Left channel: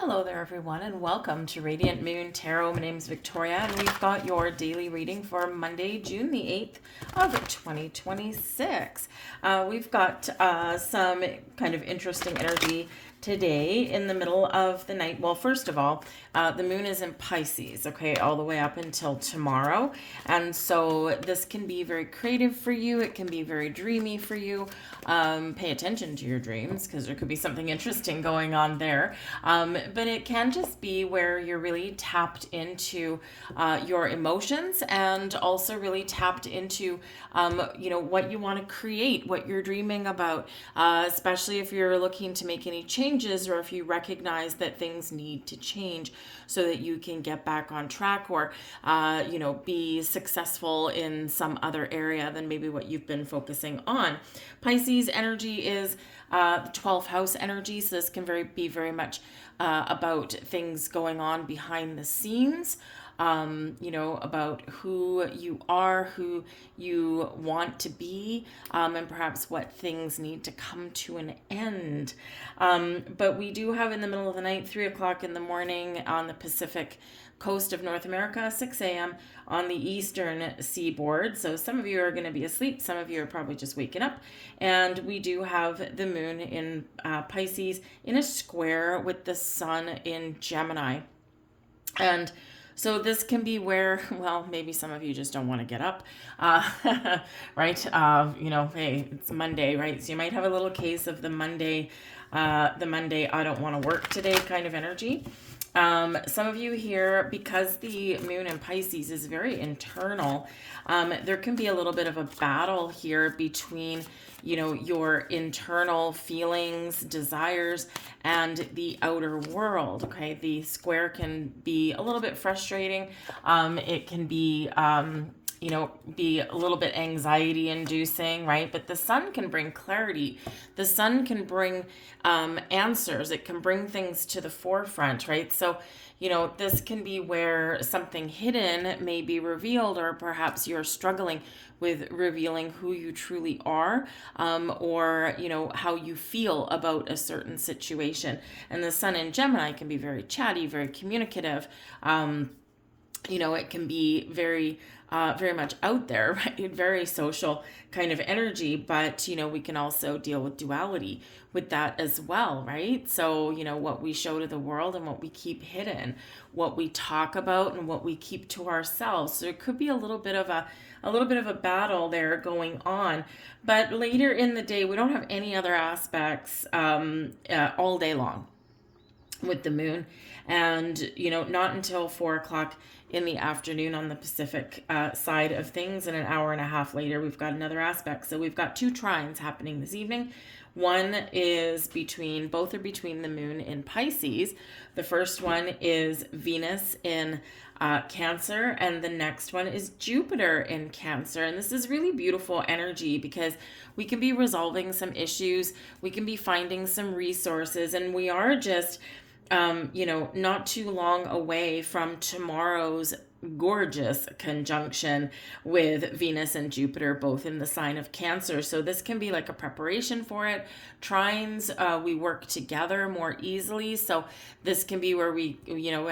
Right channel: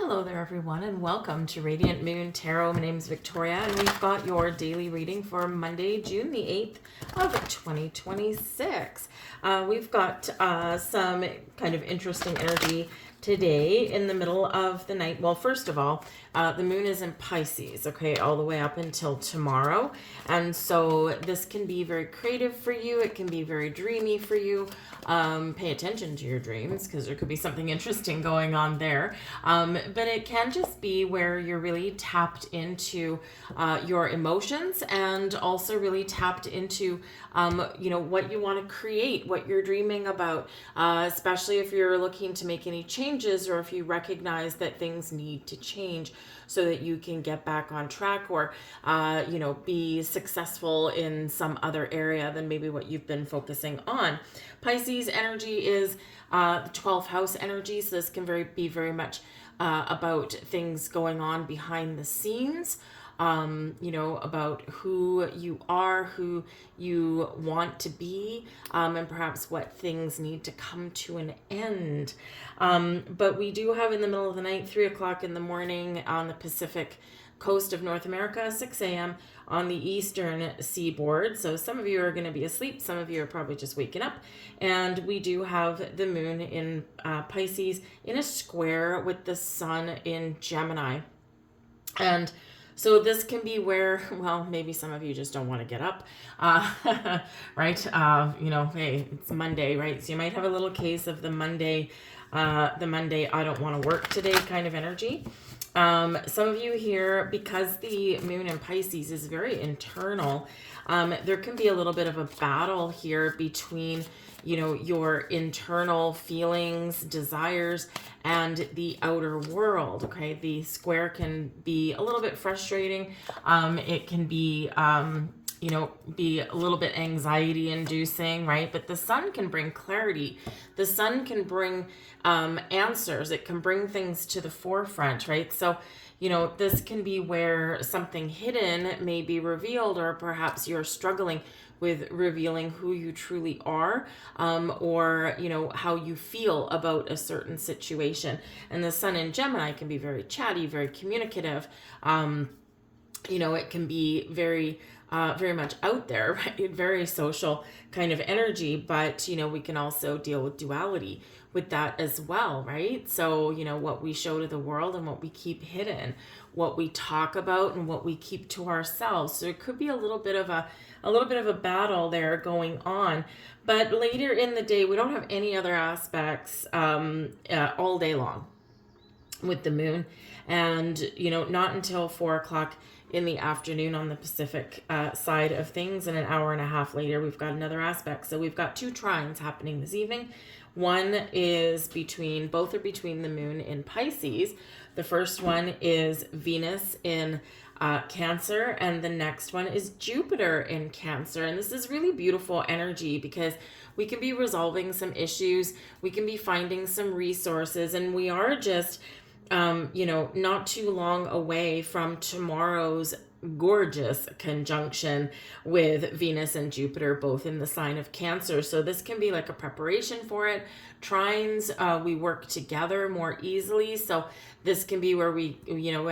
Hello there, everyone, and welcome to Radiant Moon Tarot. My name is Victoria, and we've got your daily reading for Monday, June the 8th of 2026. We've got some kind of interesting energy today in the middle of the night. Well, first of all, the moon is in Pisces, okay, all the way up until tomorrow. And so this can be very creative for you. It can be very dreamy for you. Pay attention to your dreams because there could be something interesting going on there. But it can just be where you're really tapped into your emotions and also really tapped into, what you want to create, what you're dreaming about, especially if you're looking to make any changes or if you recognize that things need to change so that you can get back on track or, be successful in some other area than maybe what you've been focusing on. Pisces energy is the 12th house energy, so this can be very much about things going on behind the scenes, about who you are, who you want to be, and perhaps what things need to come to an end. But we do have in the middle of the night, 3 o'clock in the morning on the Pacific coast of North America, 6 a.m. on the eastern seaboard. So some of you are going to be asleep. Some of you are probably just waking up. And we do have the moon in Pisces in a square with the sun in Gemini. And so this can be where, well, maybe some of you just don't want to get up, right? Hey, it's Monday, right? So you might have a little case of the Monday, I don't want to work today kind of energy. Some of you here, because the moon in Pisces is very internal, there can be a little bit of a battle here between, your internal feelings, desires, and the outer world, okay? The square can be a little bit frustrating. It can be, be a little bit anxiety inducing, right? But the sun can bring clarity. The sun can bring answers. It can bring things to the forefront, right? So, this can be where something hidden may be revealed, or perhaps you're struggling with revealing who you truly are, or, how you feel about a certain situation. And the sun in Gemini can be very chatty, very communicative. It can be very much out there, right? Very social kind of energy, but, we can also deal with duality with that as well, right? So, what we show to the world and what we keep hidden, what we talk about and what we keep to ourselves. So there could be a little bit of a battle there going on. But later in the day, we don't have any other aspects all day long with the moon. And, not until 4 o'clock in the afternoon on the Pacific side of things, and an hour and a half later, we've got another aspect. So we've got 2 trines happening this evening. One is both are between the moon in Pisces. The first one is Venus in Cancer, and the next one is Jupiter in Cancer. And this is really beautiful energy because we can be resolving some issues, we can be finding some resources, and we are just not too long away from tomorrow's gorgeous conjunction with Venus and Jupiter, both in the sign of Cancer. So this can be like a preparation for it. Trines, we work together more easily. So this can be where we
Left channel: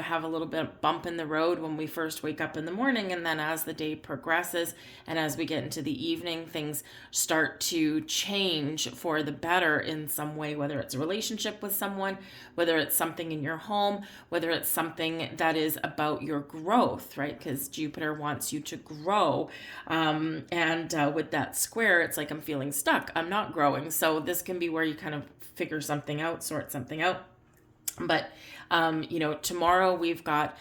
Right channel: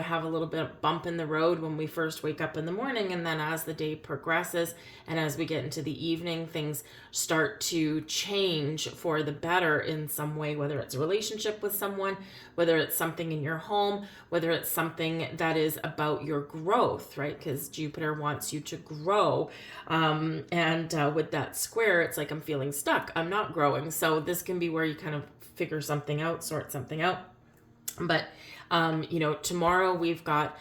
have a little bit of bump in the road when we first wake up in the morning. And then as the day progresses and as we get into the evening, things start to change for the better in some way, whether it's a relationship with someone, whether it's something in your home, whether it's something that is about your growth, right? Because Jupiter wants you to grow. And with that square, it's like I'm feeling stuck. I'm not growing. So this can be where you kind of figure something out, sort something out. But, tomorrow we've got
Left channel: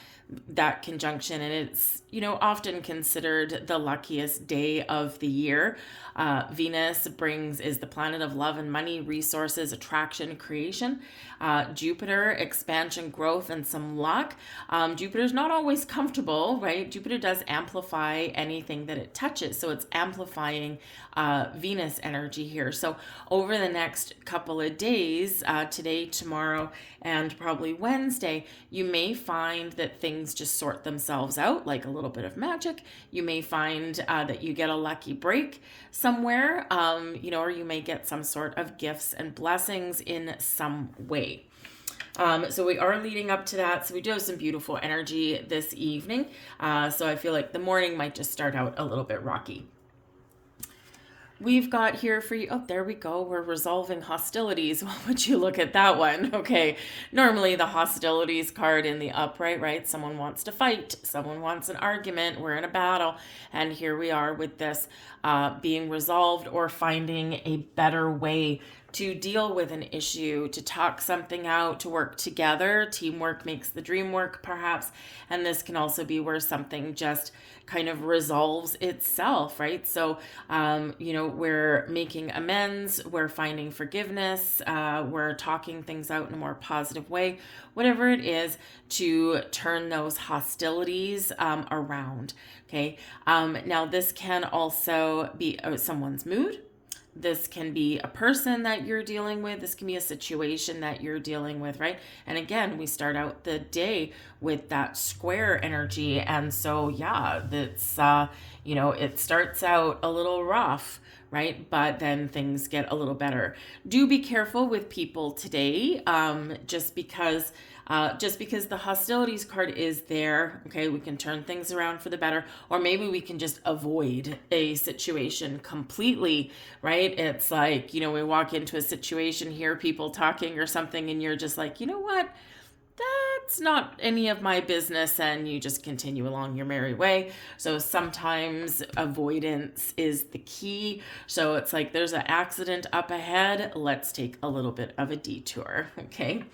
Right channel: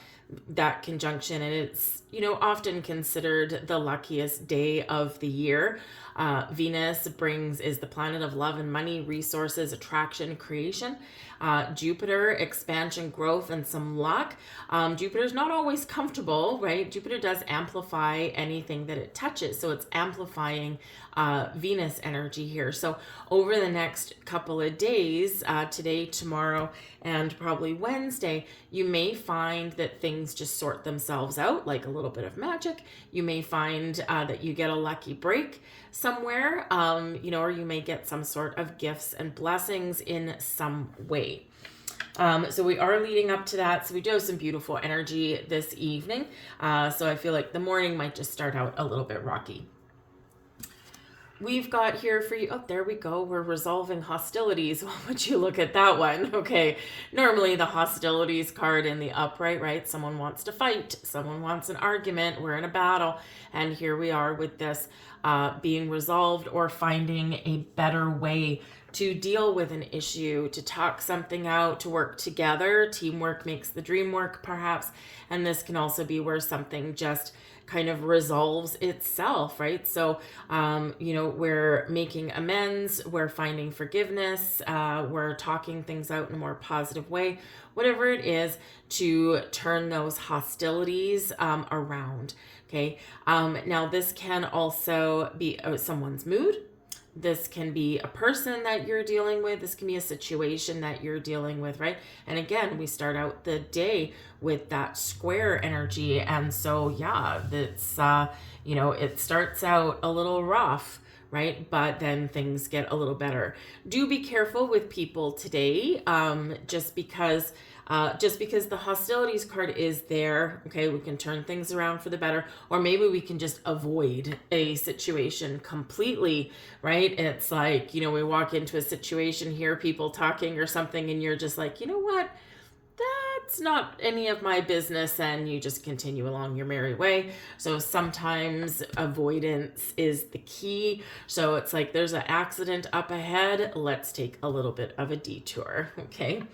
that conjunction, and it's, often considered the luckiest day of the year. Venus is the planet of love and money, resources, attraction, creation. Jupiter, expansion, growth, and some luck. Jupiter's not always comfortable, right? Jupiter does amplify anything that it touches. So it's amplifying Venus energy here. So over the next couple of days, today, tomorrow, and probably Wednesday, you may find that things just sort themselves out like a little bit of magic. You may find that you get a lucky break somewhere, or you may get some sort of gifts and blessings in some way. So we are leading up to that. So we do have some beautiful energy this evening. So I feel like the morning might just start out a little bit rocky. We've got here for you, oh, there we go. We're resolving hostilities. Well, would you look at that one? Okay. Normally the hostilities card in the upright, right? Someone wants to fight. Someone wants an argument. We're in a battle. And here we are with this being resolved or finding a better way to deal with an issue, to talk something out, to work together. Teamwork makes the dream work, perhaps. And this can also be where something just kind of resolves itself, right? So, we're making amends, we're finding forgiveness, we're talking things out in a more positive way, whatever it is to turn those hostilities around, okay? Now, this can also be someone's mood. This can be a person that you're dealing with. This can be a situation that you're dealing with, right? And again, we start out the day with that square energy. And so, yeah, that's, it starts out a little rough, right? But then things get a little better. Do be careful with people today, just because the hostilities card is there, okay, we can turn things around for the better, or maybe we can just avoid a situation completely, right? It's like, we walk into a situation, hear people talking or something, and you're just like, you know what? That's not any of my business, and you just continue along your merry way. So sometimes avoidance is the key. So it's like there's an accident up ahead. Let's take a little bit of a detour, okay?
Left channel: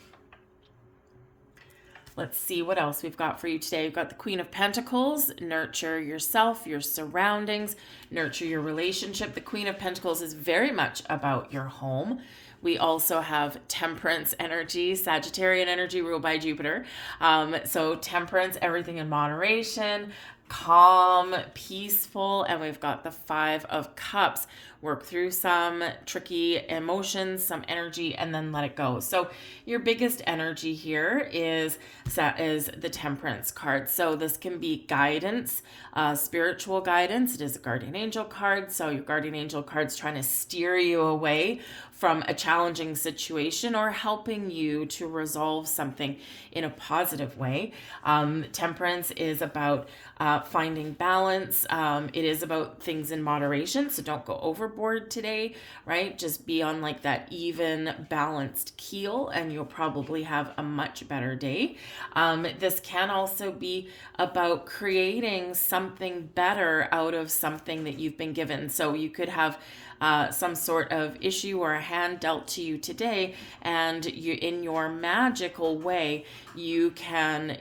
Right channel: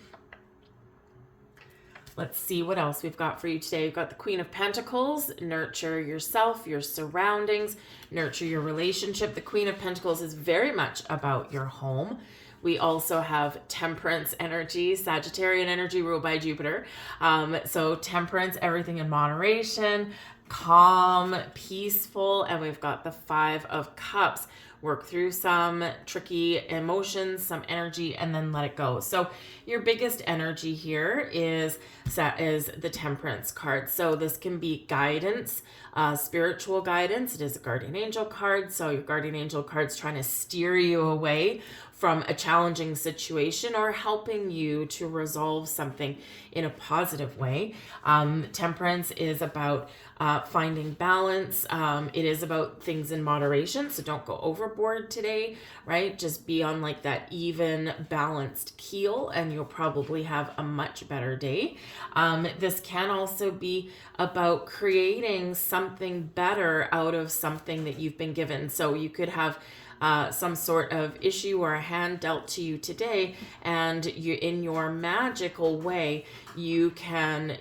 Let's see what else we've got for you today. We've got the Queen of Pentacles. Nurture yourself, your surroundings, nurture your relationship. The Queen of Pentacles is very much about your home. We also have Temperance energy, Sagittarian energy ruled by Jupiter. So Temperance, everything in moderation, calm, peaceful, and we've got the Five of Cups. Work through some tricky emotions, some energy, and then let it go. So your biggest energy here is the Temperance card. So this can be guidance, spiritual guidance. It is a guardian angel card. So your guardian angel card's trying to steer you away from a challenging situation or helping you to resolve something in a positive way. Temperance is about finding balance. It is about things in moderation, so don't go overboard today, right? Just be on like that even, balanced keel, and you'll probably have a much better day. This can also be about creating something better out of something that you've been given. So you could have some sort of issue or a hand dealt to you today, and you, in your magical way, you can,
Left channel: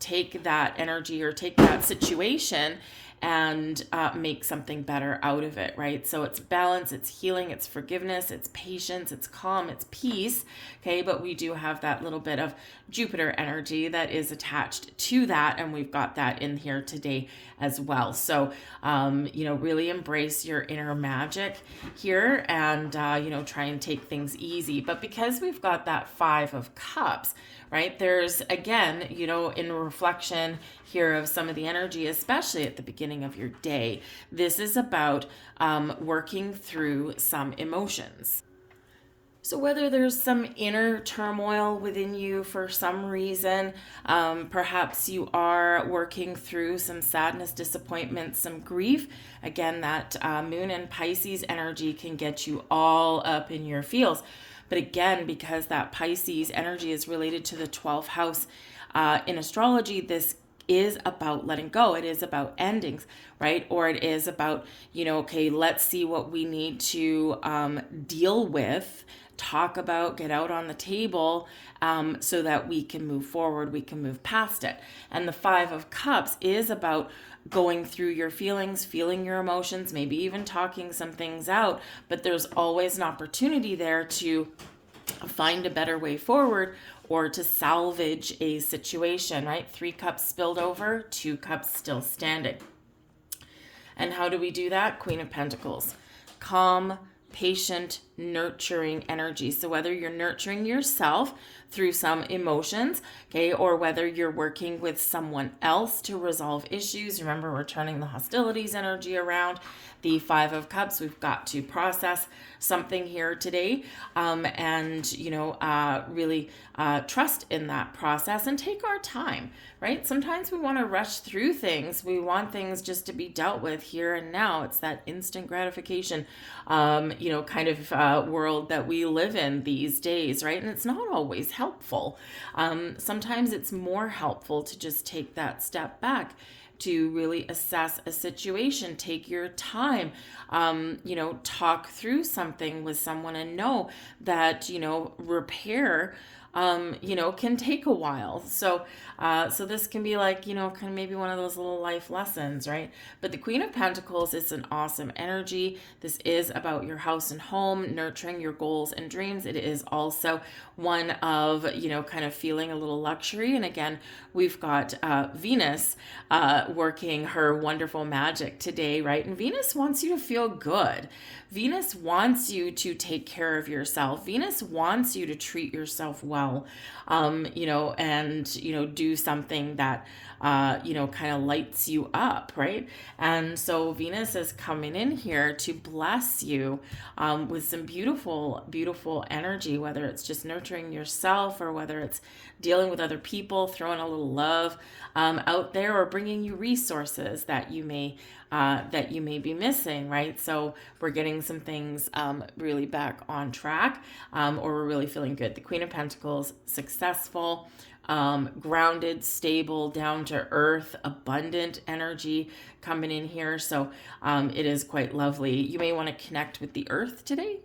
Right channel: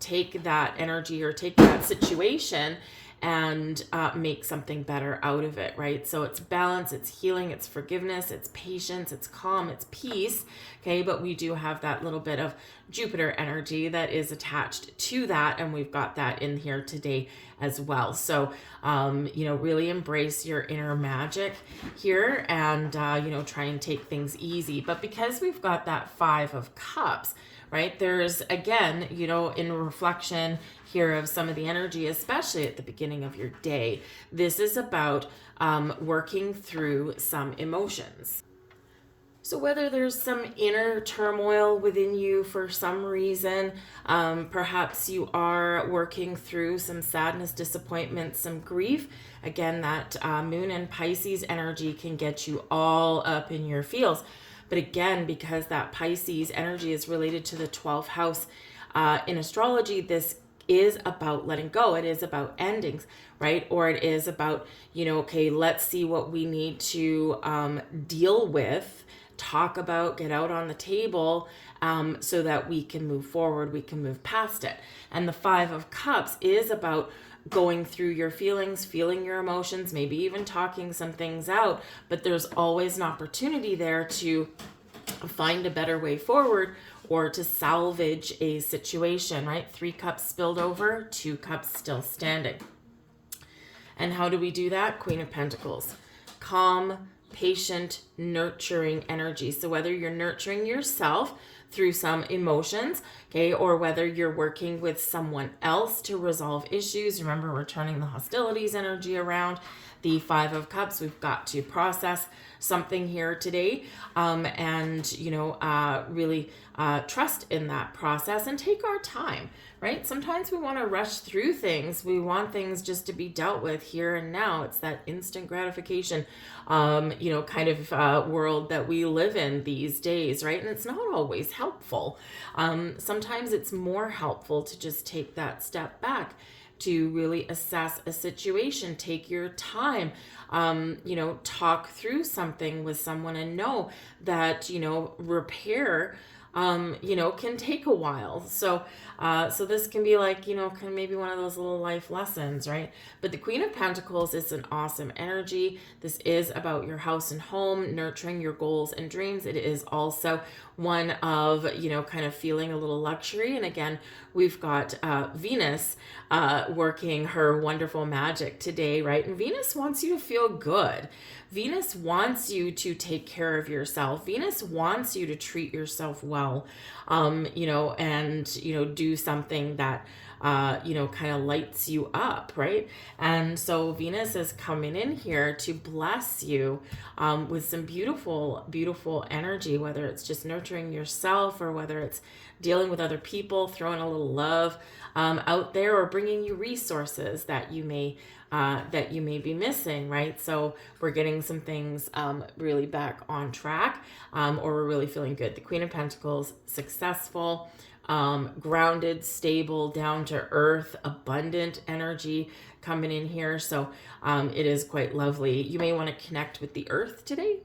take that energy or take that situation and make something better out of it, right? So it's balance, it's healing, it's forgiveness, it's patience, it's calm, it's peace, okay? But we do have that little bit of Jupiter energy that is attached to that, and we've got that in here today as well. So, really embrace your inner magic here and, try and take things easy. But because we've got that Five of Cups, right, there's, again, in reflection here of some of the energy, especially at the beginning of your day, this is about working through some emotions. So whether there's some inner turmoil within you for some reason, perhaps you are working through some sadness, disappointment, some grief. Again, that Moon and Pisces energy can get you all up in your feels. But again, because that Pisces energy is related to the 12th house in astrology, this is about letting go. It is about endings, right? Or it is about, okay, let's see what we need to deal with, talk about, get out on the table, so that we can move forward, we can move past it. And the Five of Cups is about going through your feelings, feeling your emotions, maybe even talking some things out, but there's always an opportunity there to find a better way forward or to salvage a situation, right? 3 cups spilled over, 2 cups still standing. And how do we do that? Queen of Pentacles. Calm, patient, nurturing energy. So whether you're nurturing yourself through some emotions, okay, or whether you're working with someone else to resolve issues, remember we're turning the hostilities energy around, the Five of Cups. We've got to process something here today, and, really trust in that process and take our time, right? Sometimes we want to rush through things. We want things just to be dealt with here and now. It's that instant gratification, kind of world that we live in these days, right? And it's not always helpful. Sometimes it's more helpful to just take that step back, to really assess a situation, take your time, talk through something with someone, and know that, repair, can take a while. So this can be like, kind of maybe one of those little life lessons, right? But the Queen of Pentacles is an awesome energy. This is about your house and home, nurturing your goals and dreams. It is also one of, kind of feeling a little luxury. And again, we've got Venus working her wonderful magic today, right? And Venus wants you to feel good. Venus wants you to take care of yourself. Venus wants you to treat yourself well, and, do something that, kind of lights you up, right? And so Venus is coming in here to bless you with some beautiful, beautiful energy, whether it's just nurturing yourself or whether it's dealing with other people, throwing a little love out there, or bringing you resources that you may be missing, right? So we're getting some things really back on track, or we're really feeling good. The Queen of Pentacles, successful, grounded, stable, down to earth, abundant energy coming in here. So it is quite lovely. You may want to connect with the earth today,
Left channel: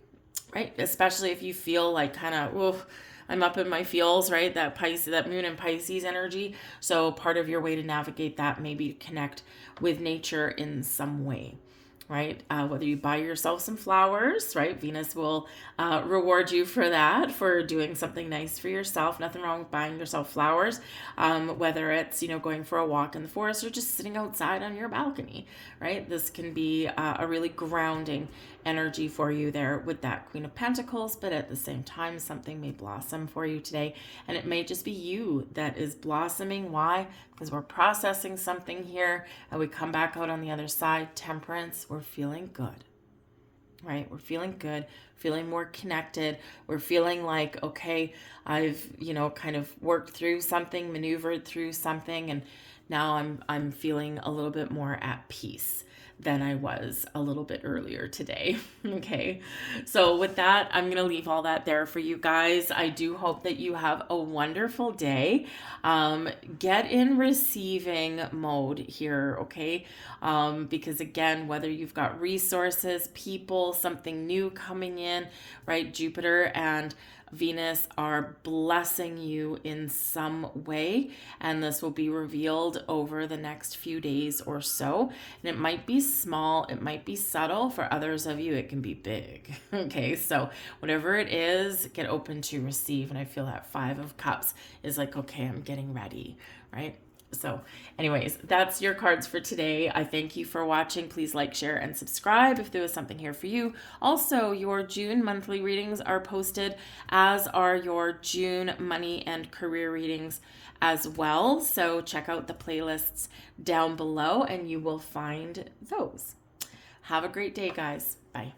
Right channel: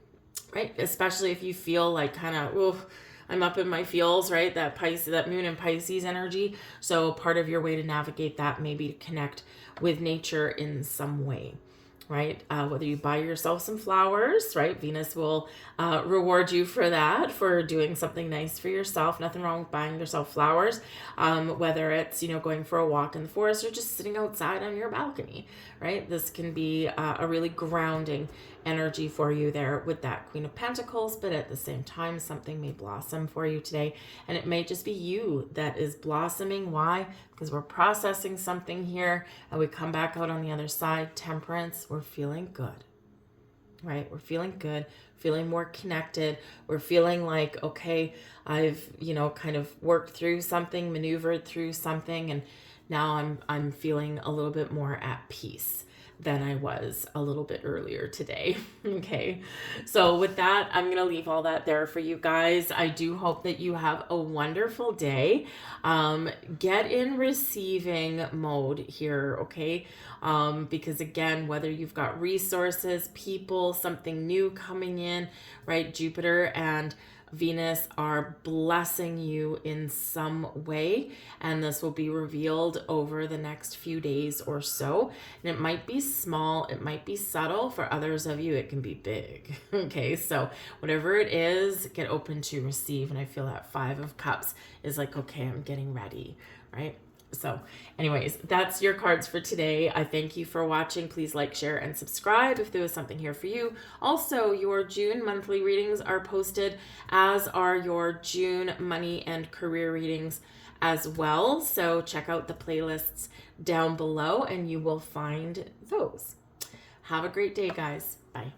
right? Especially if you feel like kind of, I'm up in my feels, right? That moon and Pisces energy. So part of your way to navigate that may be to connect with nature in some way, right? Whether you buy yourself some flowers, right? Venus will reward you for that, for doing something nice for yourself. Nothing wrong with buying yourself flowers, whether it's, going for a walk in the forest or just sitting outside on your balcony, right? This can be a really grounding energy for you there with that Queen of Pentacles, but at the same time, something may blossom for you today, and it may just be you that is blossoming. Why? Because we're processing something here, and we come back out on the other side. Temperance, we're feeling good, right? We're feeling good, feeling more connected. We're feeling like, okay, I've, kind of worked through something, maneuvered through something, and now I'm feeling a little bit more at peace than I was a little bit earlier today. Okay. So with that, I'm going to leave all that there for you guys. I do hope that you have a wonderful day. Get in receiving mode here. Okay. Because again, whether you've got resources, people, something new coming in, right? Jupiter and Venus are blessing you in some way, and this will be revealed over the next few days or so. And it might be small, it might be subtle. For others of you, it can be big. Okay, so whatever it is, get open to receive. And I feel that Five of Cups is like, okay, I'm getting ready, right? So anyways, that's your cards for today. I thank you for watching. Please like, share, and subscribe if there was something here for you. Also, your June monthly readings are posted, as are your June money and career readings as well. So check out the playlists down below and you will find those. Have a great day, guys. Bye.